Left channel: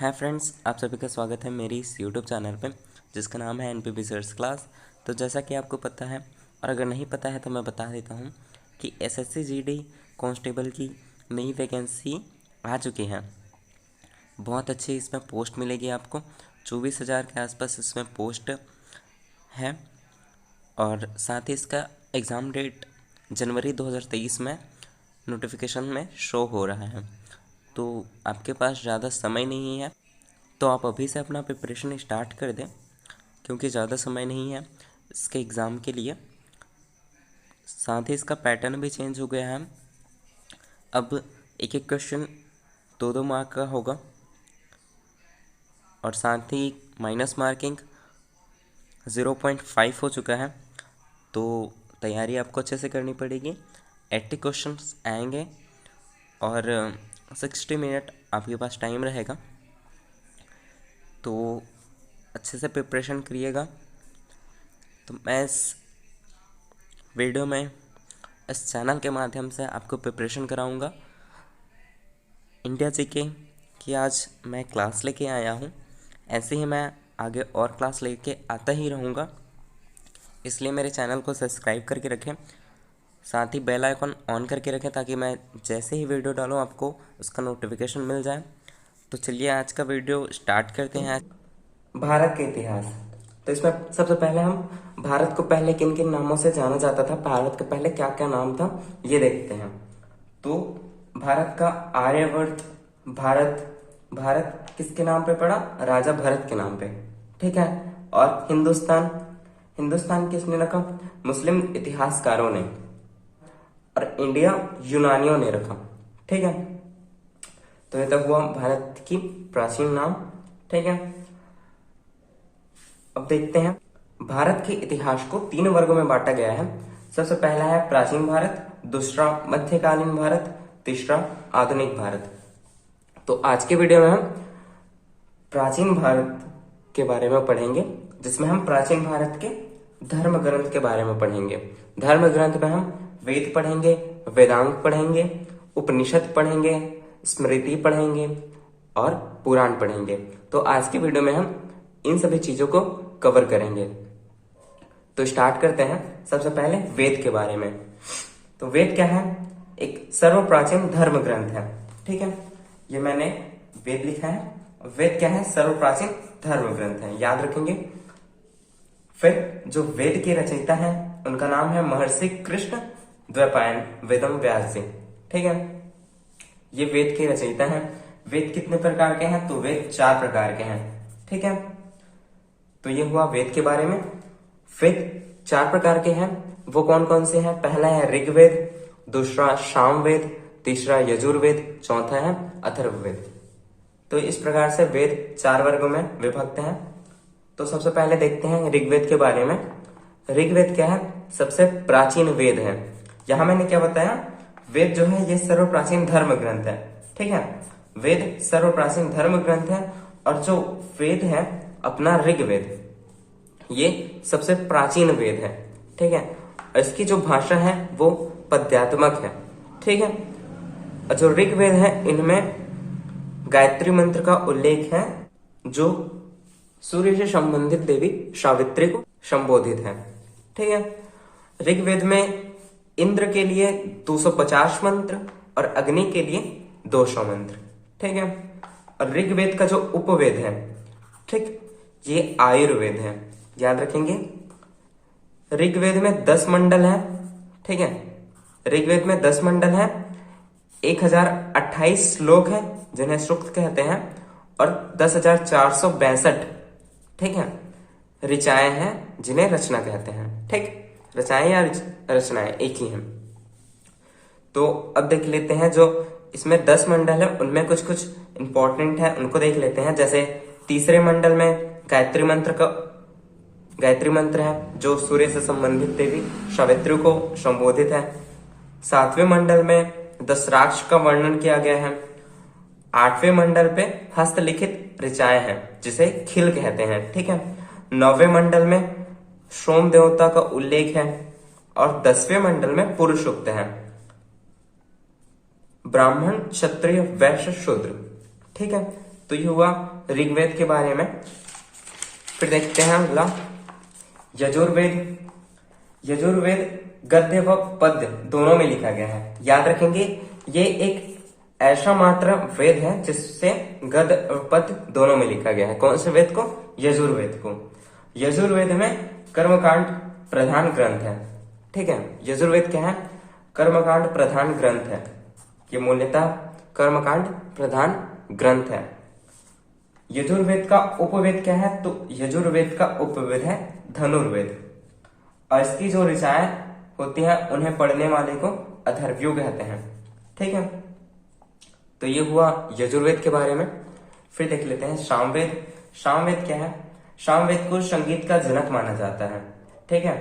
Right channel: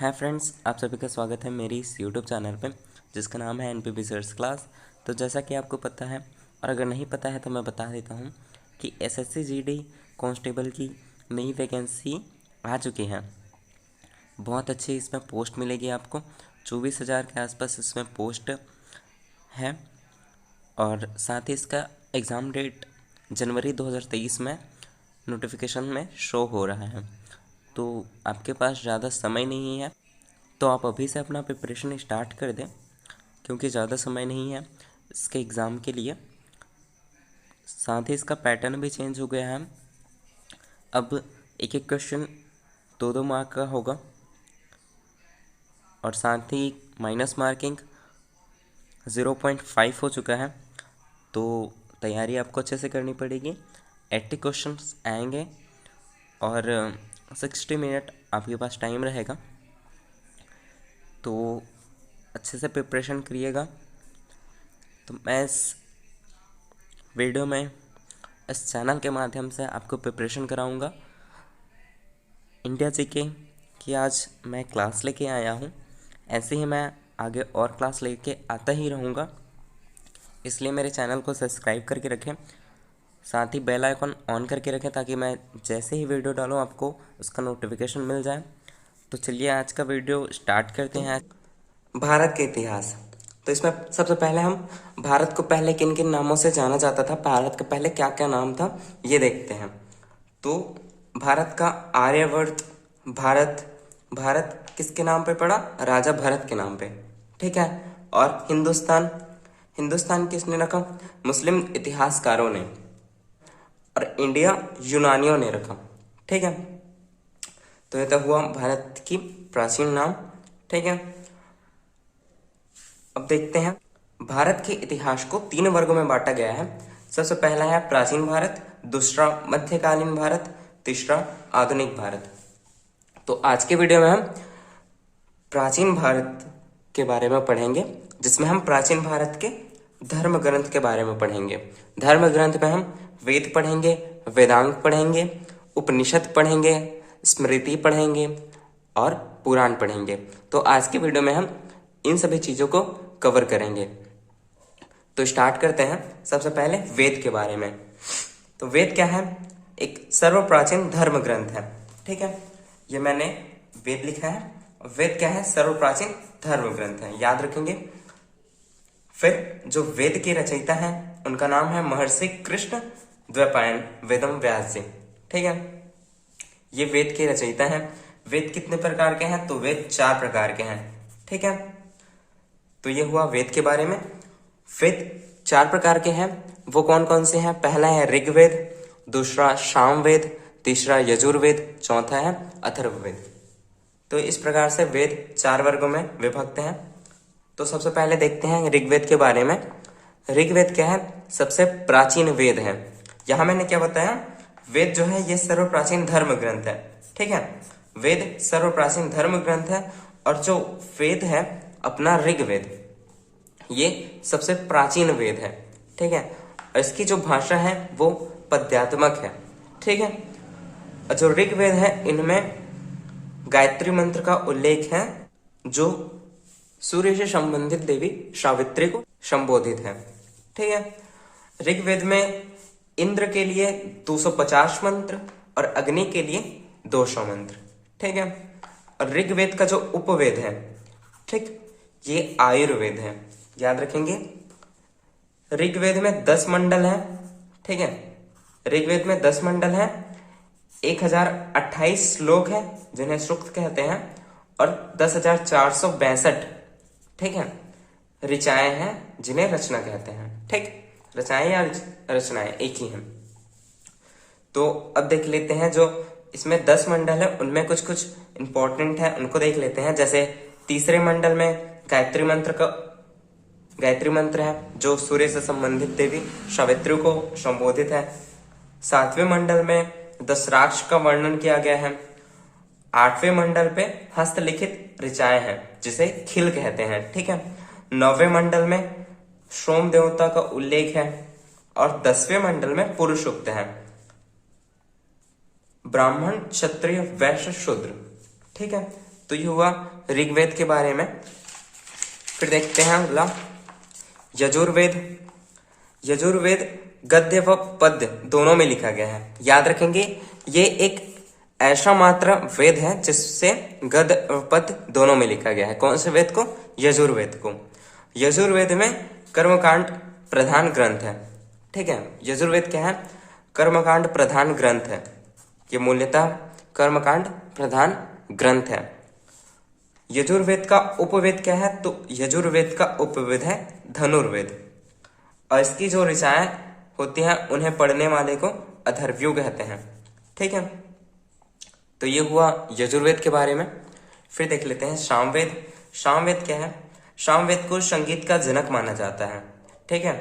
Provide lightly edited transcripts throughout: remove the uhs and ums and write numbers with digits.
Hi friends, आप सभी का स्वागत है मेरी इस यूट्यूब चैनल पे जिसका नाम है एनपीपी सर्च क्लास। तो जैसा कि आपको पता है और अगर नहीं पता है तो मैं बता देता हूँ कि एसएससी जीडी कांस्टेबल की नई वैकेंसी आ चुकी है। बहुत अच्छी इसमें पोस्ट मिलेगी आपको। 24,000 के आसपास इसमें पोस्ट है और साथ ही इसका एग्ज़ाम डेट जनवरी 2023 में नोटिफिकेशन में शो हो रहा है। तो आपके पास ज़्यादा समय नहीं है, तो आप अभी से अपना प्रिपरेशन स्टार्ट कर दें क्योंकि ज़्यादा समय नहीं है इसके एग्ज़ाम के लिए। साथ ही इसका पैटर्न भी चेंज हो गया है। अब एक एक क्वेश्चन 2-2 मार्क का होगा और साथ ही माइनस मार्किंग 0.5 हो चुका है। तो तैयारी आपको अच्छे से करनी पड़ेगी। 80 क्वेश्चंस आएंगे और 60 मिनट आपके पास टाइम रहेगा, तो अच्छे से प्रिपरेशन करिएगा। तो मैं इस वीडियो में इस चैनल के माध्यम से आपको प्रिपरेशन कराऊंगा इंडिया जीके की। आज मैं क्लास लेके आया हूँ, ऐसे ही मैं आगे और क्लास लेके आता ही रहूँगा, इसलिए मेरे चैनल को सब्सक्राइब करके रखें। साथ ही बेल आइकन ऑन करके रखें ताकि मैं जैसे ही वीडियो डालूँ आपको उसका नोटिफिकेशन मिल जाए। तो चलिए आज का वीडियो स्टार्ट करते हैं। भारत के इतिहास। तो इसमें सबसे पहले हम भारत को पहले किन किन नामों से जाना जाता था, भारत के पहले क्या क्या नाम था, ये देखते हैं। तो भारत का आर्यवर्त, भारत भारत किसके नाम पे पड़ा? राजा भरत के नाम पे, ठीक है। और हिंदुस्तान, हिंदुस्तान किसने रखा? मुस्लिम इतिहासकारों ने। और इंडिया यूनानियों ने रखा, ठीक है। तो ये तो हुआ भारत की प्राचीन नाम, ठीक है। अब देखते हैं भारत के इतिहास को 3 वर्गों में बांटा गया है। सबसे पहला है प्राचीन भारत, दूसरा मध्यकालीन भारत, तीसरा आधुनिक भारत। तो आज के वीडियो में हम प्राचीन भारत के बारे में पढ़ेंगे, जिसमें हम प्राचीन भारत के धर्म ग्रंथ के बारे में पढ़ेंगे। धर्म ग्रंथ में हम वेद पढ़ेंगे, वेदांग पढ़ेंगे, उपनिषद पढ़ेंगे, स्मृति पढ़ेंगे और पुराण पढ़ेंगे। तो आज के वीडियो में हम इन सभी चीजों को कवर करेंगे। तो स्टार्ट करते हैं सबसे पहले वेद के बारे में। तो वेद क्या है? एक सर्वप्राचीन धर्म ग्रंथ है, ठीक है। ये मैंने वेद लिखा है। वेद क्या है? सर्वप्राचीन धर्म ग्रंथ है, याद रखेंगे। फिर जो वेद के रचयिता हैं उनका नाम है महर्षि कृष्ण द्वैपायन वेदम व्यास जी, ठीक है। ये वेद के रचयिता हैं। वेद कितने प्रकार के हैं? तो वेद 4 प्रकार के हैं, ठीक है। तो ये हुआ वेद के बारे में। वेद 4 प्रकार के हैं, वो कौन कौन से हैं? पहला है ऋग्वेद, दूसरा सामवेद, तीसरा यजुर्वेद, चौथा है अथर्ववेद। तो इस प्रकार से वेद 4 वर्गों में विभक्त हैं। तो सबसे पहले देखते हैं ऋग्वेद के बारे में। ऋग्वेद क्या है? सबसे प्राचीन वेद है। यहां मैंने क्या बताया? वेद जो है ये सर्वप्राचीन धर्म ग्रंथ है, ठीक है। वेद सर्वप्राचीन धर्म ग्रंथ है और जो वेद है अपना ऋग्वेद, ये सबसे प्राचीन वेद है, ठीक है। इसकी जो भाषा है वो पद्यात्मक है, ठीक है। जो ऋग्वेद है इनमें गायत्री मंत्र का उल्लेख है, जो सूर्य से संबंधित देवी सावित्री को संबोधित है, ठीक है। ऋग्वेद में इंद्र के लिए 250 मंत्र और अग्नि के लिए 200 मंत्र, ठीक है। और ऋग्वेद का जो उपवेद है, ठीक, ये आयुर्वेद है, याद रखेंगे। ऋग्वेद में 10 मंडल है, ठीक है। ऋग्वेद में 10 मंडल है, 1028 श्लोक है जिन्हें सूक्त कहते हैं और 10,462, ठीक है, ऋचाएं हैं जिन्हें रचना कहते हैं, ठीक। रचाएं या रचनाएं एक ही हैं। तो अब देख लेते हैं जो इसमें 10 मंडल है उनमें कुछ कुछ इंपॉर्टेंट है, उनको देख लेते हैं। जैसे तीसरे मंडल में गायत्री मंत्र है जो सूर्य से संबंधित देवी सावित्री को संबोधित है। 7वें मंडल में दशराक्ष का वर्णन किया गया है। 8वें मंडल पे हस्तलिखित ऋचाएं हैं जिसे खिल कहते हैं, ठीक है। 9वें मंडल में सोम देवता का उल्लेख है और 10वें मंडल में पुरुष सूक्त है। ब्राह्मण, क्षत्रिय, वैश्य, शूद्र, ठीक है। तो ये हुआ ऋग्वेद के बारे में। फिर देखते हैं अगला यजुर्वेद। यजुर्वेद गद्य व पद्य दोनों में लिखा गया है। याद रखेंगे ये एक ऐसा मात्र वेद है जिससे गद्य और पद्य दोनों में लिखा गया है। कौन से वेद को? यजुर्वेद को। यजुर्वेद में कर्मकांड प्रधान ग्रंथ है। ठीक है, यजुर्वेद क्या है? कर्मकांड प्रधान ग्रंथ है। ये मूल्यतः कर्मकांड प्रधान ग्रंथ है। यजुर्वेद का उपवेद क्या है? तो यजुर्वेद का उपवेद है धनुर्वेद। और इसकी जो ऋचाएं होती हैं उन्हें पढ़ने वाले को अथर्वयु कहते हैं। ठीक है, तो ये हुआ यजुर्वेद के बारे में। फिर देख लेते हैं सामवेद। सामवेद क्या है? सामवेद को संगीत का जनक माना जाता है। ठीक है,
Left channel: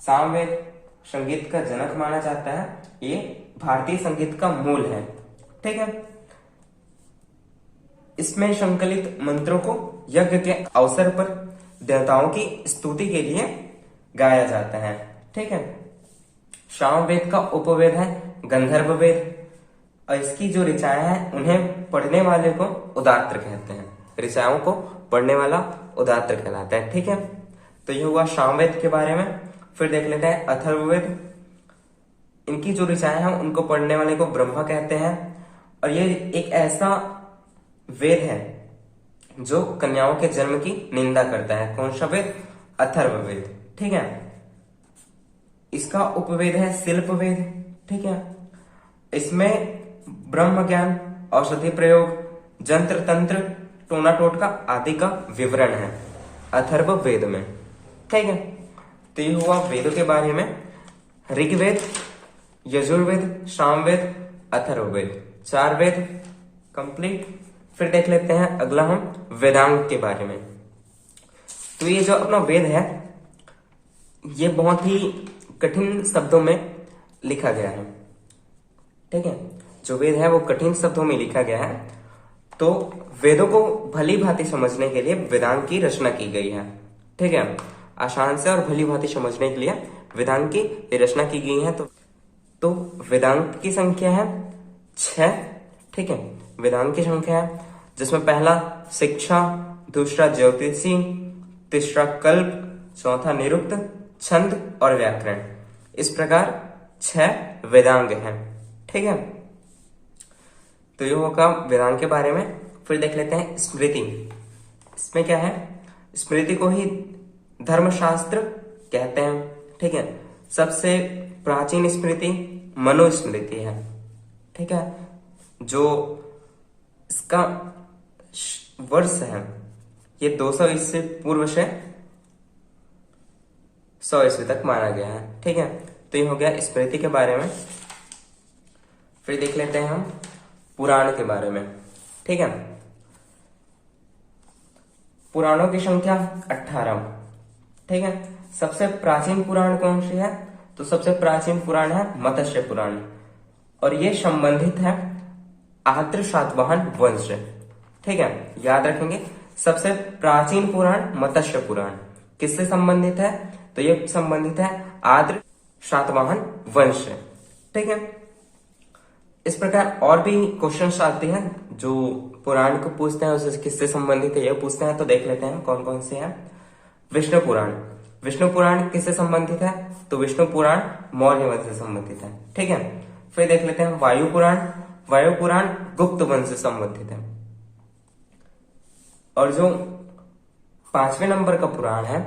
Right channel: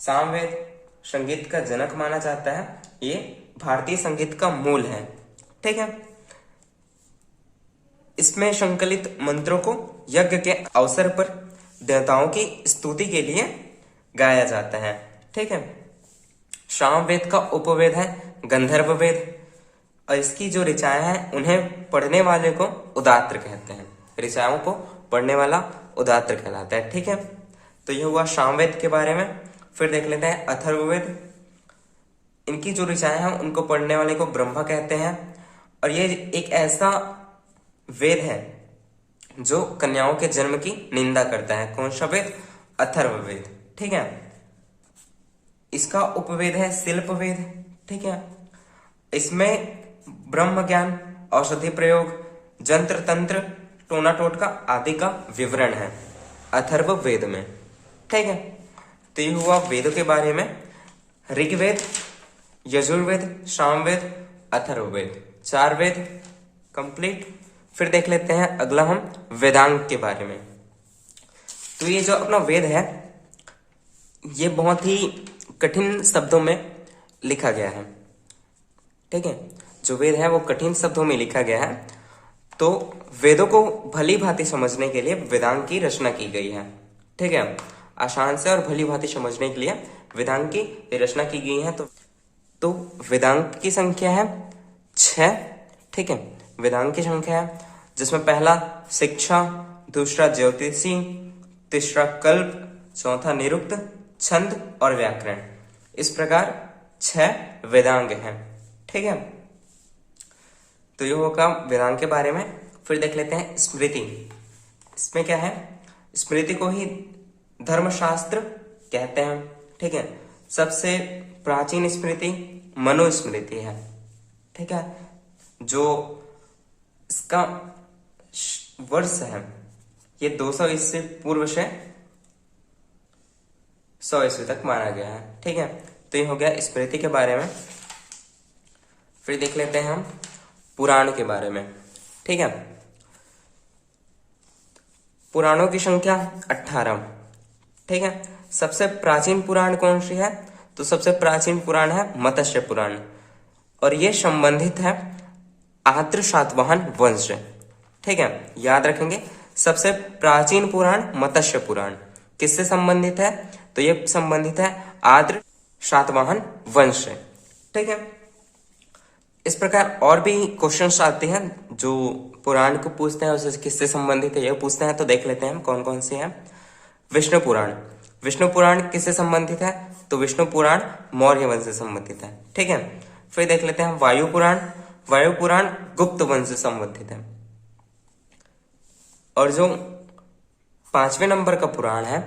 सामवेद संगीत का जनक माना जाता है। ये भारतीय संगीत का मूल है। ठीक है, इसमें संकलित मंत्रों को यज्ञ के अवसर पर देवताओं की स्तुति के लिए गाया जाता है। ठीक है, सामवेद का उपवेद है गंधर्व वेद। और इसकी जो ऋचाएं हैं उन्हें पढ़ने वाले को उदात्त कहते हैं। ऋचाओं को पढ़ने वाला उदात्त कहलाता है। ठीक है, तो यह हुआ सामवेद के बारे में। फिर देख लेते हैं अथर्ववेद। इनकी जो ऋचाएं हैं उनको पढ़ने वाले को ब्रह्मा कहते हैं। और ये एक ऐसा वेद है जो कन्याओं के जन्म की निंदा करता है। कौन सा वेद? अथर्ववेद। ठीक है, इसका उपवेद है शिल्पवेद। ठीक है, इसमें ब्रह्म ज्ञान, औषधि प्रयोग, जंत्र तंत्र, टोना टोटका आदि का विवरण है अथर्ववेद में। ठीक है, तो ये हुआ वेद के बारे में। ऋग्वेद, यजुर्वेद, सामवेद, अथर्ववेद, 4 वेद कंप्लीट। फिर देख लेते हैं अगला हम वेदांग के बारे में। तो ये जो अपना वेद है ये बहुत ही कठिन शब्दों में लिखा गया है। ठीक है, जो वेद है वो कठिन शब्दों में लिखा गया है। तो वेदों को भली भांति समझने के लिए वेदांग की रचना की गई है। ठीक है, आसान से और भली भांति समझने के लिए वेदांग की रचना की गई है। तो वेदांग की संख्या है 6। ठीक है, वेदांग की संख्या है जिसमें पहला शिक्षा, दूसरा ज्योतिषी, तीसरा कल्प, चौथा निरुक्त, छंद और व्याकरण। इस प्रकार 6 वेदांग हैं। ठीक है, तो ये होगा वेदांग के बारे में। फिर देख लेते हैं स्मृति। इसमें क्या है? स्मृति को ही धर्मशास्त्र कहते हैं। ठीक है, सबसे प्राचीन स्मृति मनुस्मृति है। ठीक है, जो इसका वर्ष है ये 200 ईस्वी पूर्व से 100 ईस्वी तक माना गया है। ठीक है, तो ये हो गया स्मृति के बारे में। फिर देख लेते हैं हम पुराण के बारे में। ठीक है, पुराणों की संख्या 18। ठीक है, सबसे प्राचीन पुराण कौन सी है? तो सबसे प्राचीन पुराण है मत्स्य पुराण। और ये संबंधित है आद्र सातवाहन वंश से। ठीक है, याद रखेंगे सबसे प्राचीन पुराण मत्स्य पुराण किससे संबंधित है? तो ये संबंधित है आद्र सातवाहन वंश से। ठीक है, इस प्रकार और भी क्वेश्चंस आते हैं जो पुराण को पूछते हैं उससे किससे संबंधित है ये पूछते हैं। तो देख लेते हैं कौन कौन से हैं। विष्णु पुराण। विष्णु पुराण किससे संबंधित है? तो विष्णु पुराण मौर्य वंश से संबंधित है। ठीक है, फिर देख लेते हैं वायु पुराण। वायु पुराण गुप्त वंश से संबंधित है। और जो 5वें नंबर का पुराण है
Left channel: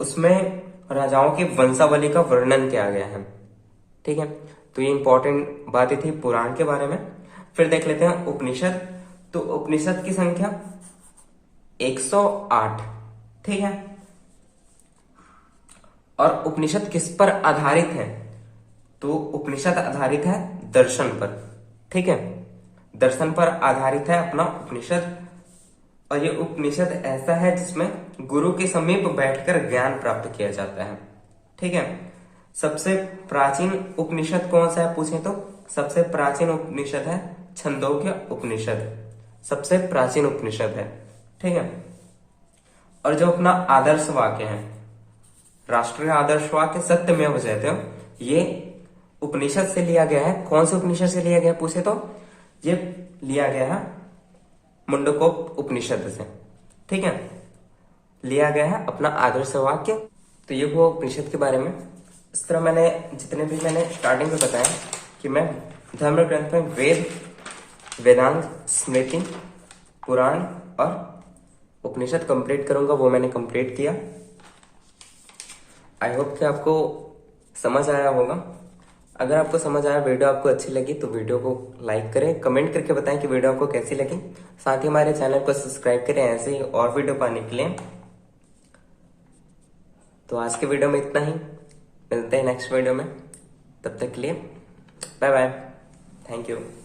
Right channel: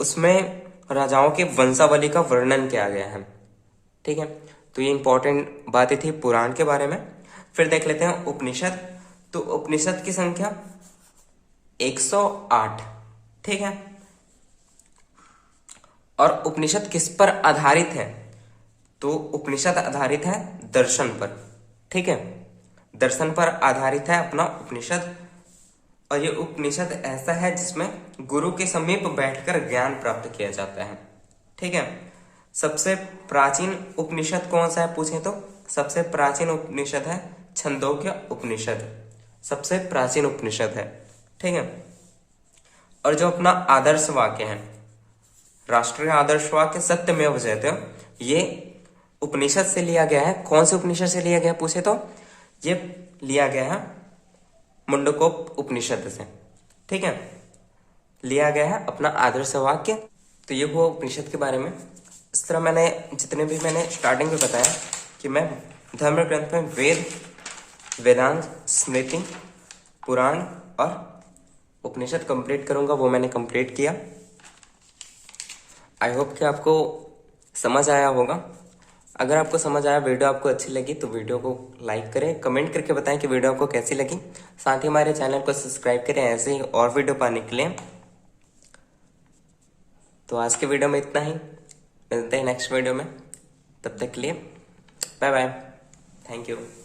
उसमें राजाओं की वंशावली का वर्णन किया गया है। ठीक है, तो ये इंपॉर्टेंट बातें थी पुराण के बारे में। फिर देख लेते हैं उपनिषद। तो उपनिषद की संख्या 108। ठीक है, और उपनिषद किस पर आधारित है? तो उपनिषद आधारित है दर्शन पर। ठीक है, दर्शन पर आधारित है अपना उपनिषद। और ये उपनिषद ऐसा है जिसमें गुरु के समीप बैठकर ज्ञान प्राप्त किया जाता है। ठीक है, सबसे प्राचीन उपनिषद कौन सा है पूछे तो सबसे प्राचीन उपनिषद है छंदोग्य उपनिषद। सबसे प्राचीन उपनिषद है। ठीक है, और जो अपना आदर्श वाक्य है राष्ट्रीय आदर्श वाक्य सत्यमेव जयते, ये उपनिषद से लिया गया है। कौन से उपनिषद से लिया गया पूछे तो ये लिया गया है मुंडकोप उपनिषद से। ठीक है, लिया गया है अपना आदर्श वाक्य। तो ये हुआ उपनिषद के बारे में। इस तरह मैंने जितने भी मैंने स्टार्टिंग में बताया कि मैं धर्म ग्रंथ में वेद, वेदांत, स्मृति, पुराण और उपनिषद कंप्लीट करूंगा, वो मैंने कंप्लीट किया। आई होप कि आपको समझ आया होगा। अगर आपको समझ आया, वीडियो आपको अच्छी लगी तो वीडियो को लाइक करें, कमेंट करके बताएं कि वीडियो आपको कैसी लगी। साथ ही हमारे चैनल को सब्सक्राइब करें ऐसे ही और वीडियो पाने के लिए। तो आज के वीडियो में इतना ही, मिलते हैं नेक्स्ट वीडियो में। तब तक के लिए बाय बाय, थैंक यू।